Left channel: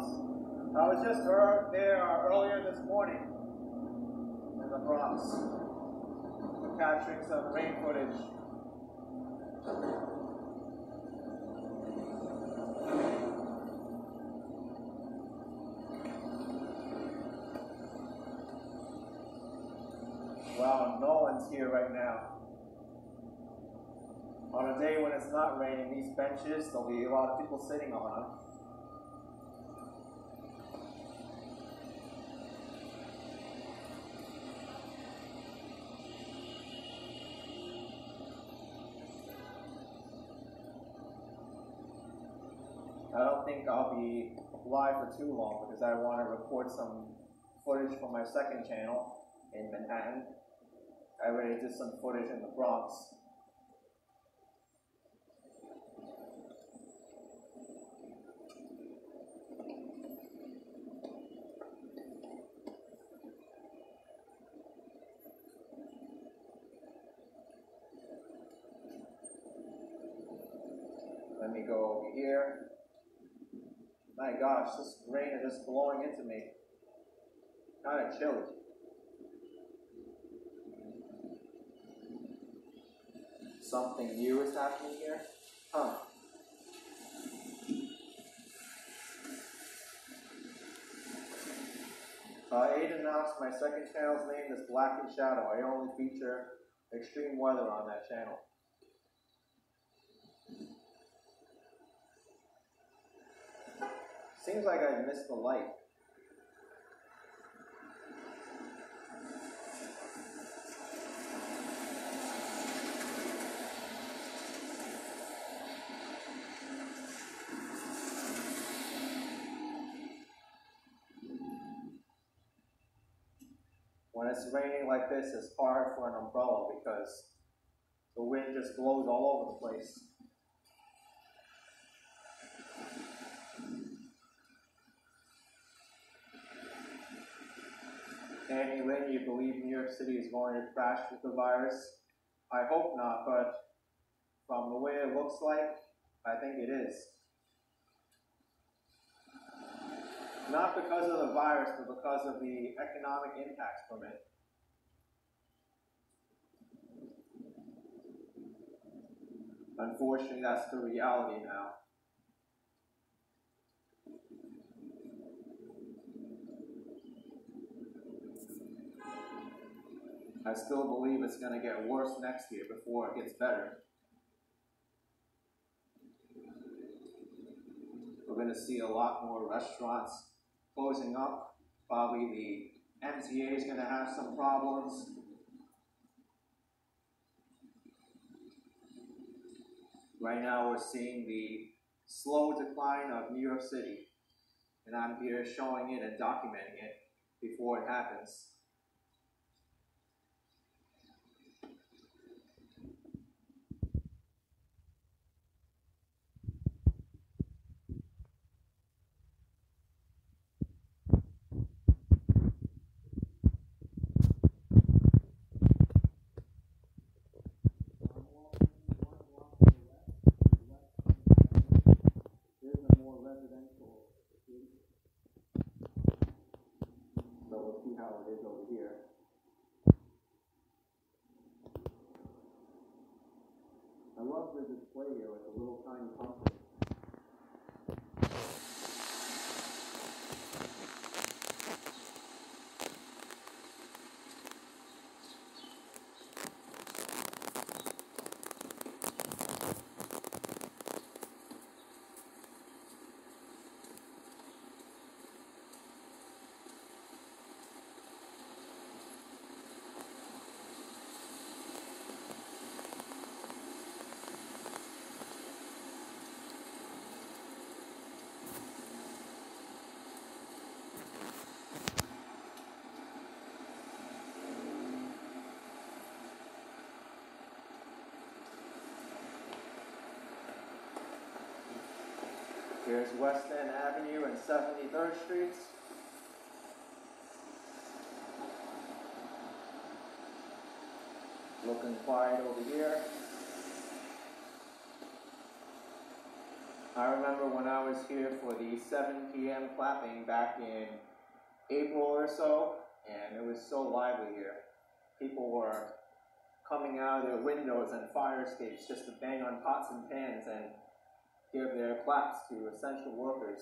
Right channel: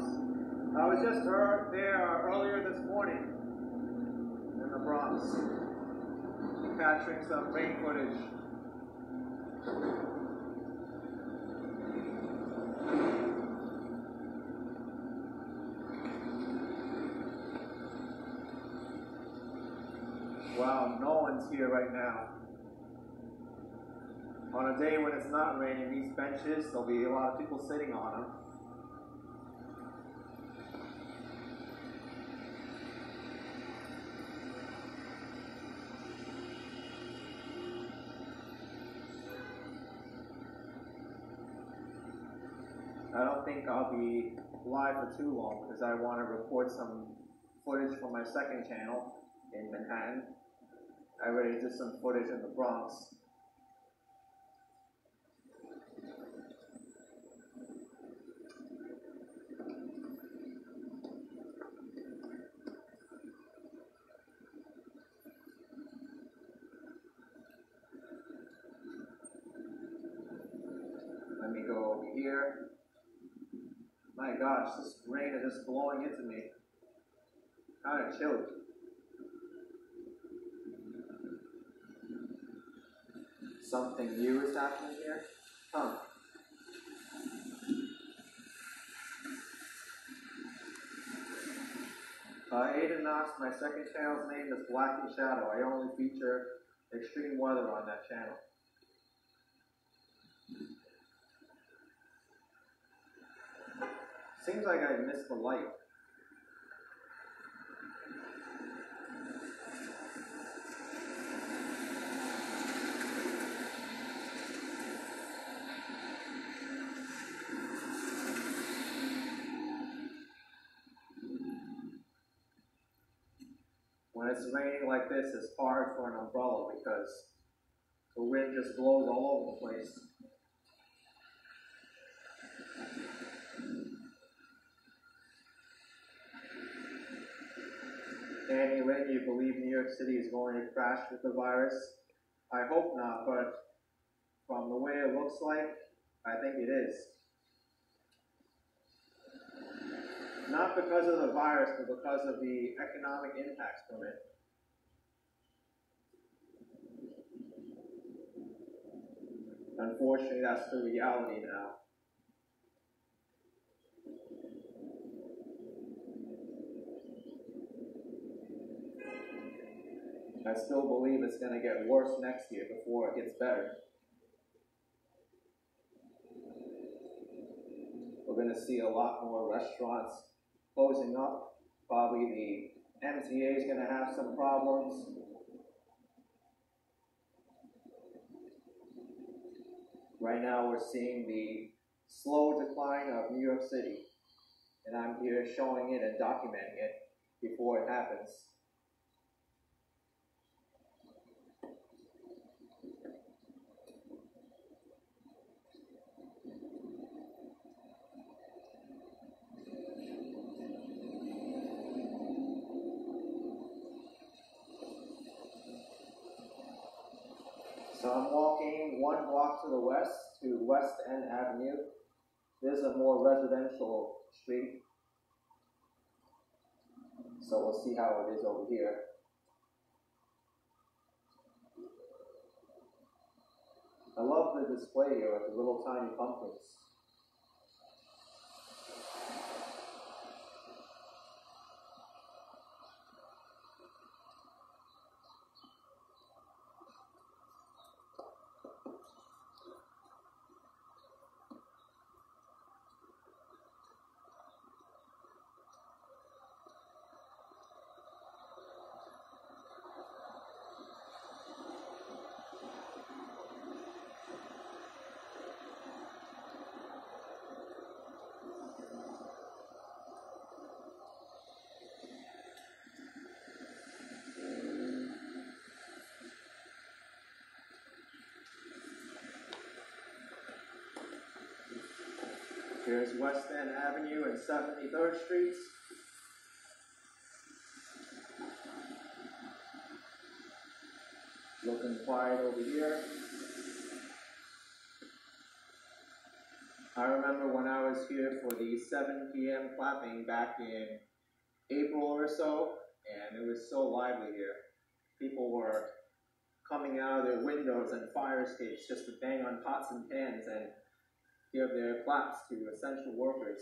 Bronx. I was just there earlier this morning in the Bronx, capturing some rain footage. Wow, no one's here right now. On a day when it's not raining, these benches, there'll be a lot of people sitting on them. I don't think I'll be live for too long because I want to record some footage for my second channel in Manhattan. I already did some footage in the Bronx. Let me go over here. My gosh, this rain is just blowing into me. Kind of chilly. Something new is happening here? Huh. Aiden Knox, my second channel's name is Black and Shadow. I only feature extreme weather on that channel. Seems like I missed the light. When it's raining like this, it's hard for an umbrella because the wind just blows all over the place. Danny Lynn, you believe New York City is going to crash with the virus? I hope not, but from the way it looks like, I think it is. Not because of the virus, but because of the economic impacts from it. Unfortunately, that's the reality now. I still believe it's going to get worse next year before it gets better. We're going to see a lot more restaurants closing up. Probably the MTA is going to have some problems. Right now we're seeing the slow decline of New York City, and I'm here showing it and documenting it before it happens. So I'm walking 1 block to the west, to West End Avenue. This is a more residential street. So we'll see how it is over here. I love the display here with the little tiny pumpkins. Here's West End Avenue and 73rd Street. Looking quiet over here. I remember when I was here for the 7 p.m. clapping back in April or so, and it was so lively here. People were coming out of their windows and fire escapes just to bang on pots and pans and give their claps to essential workers.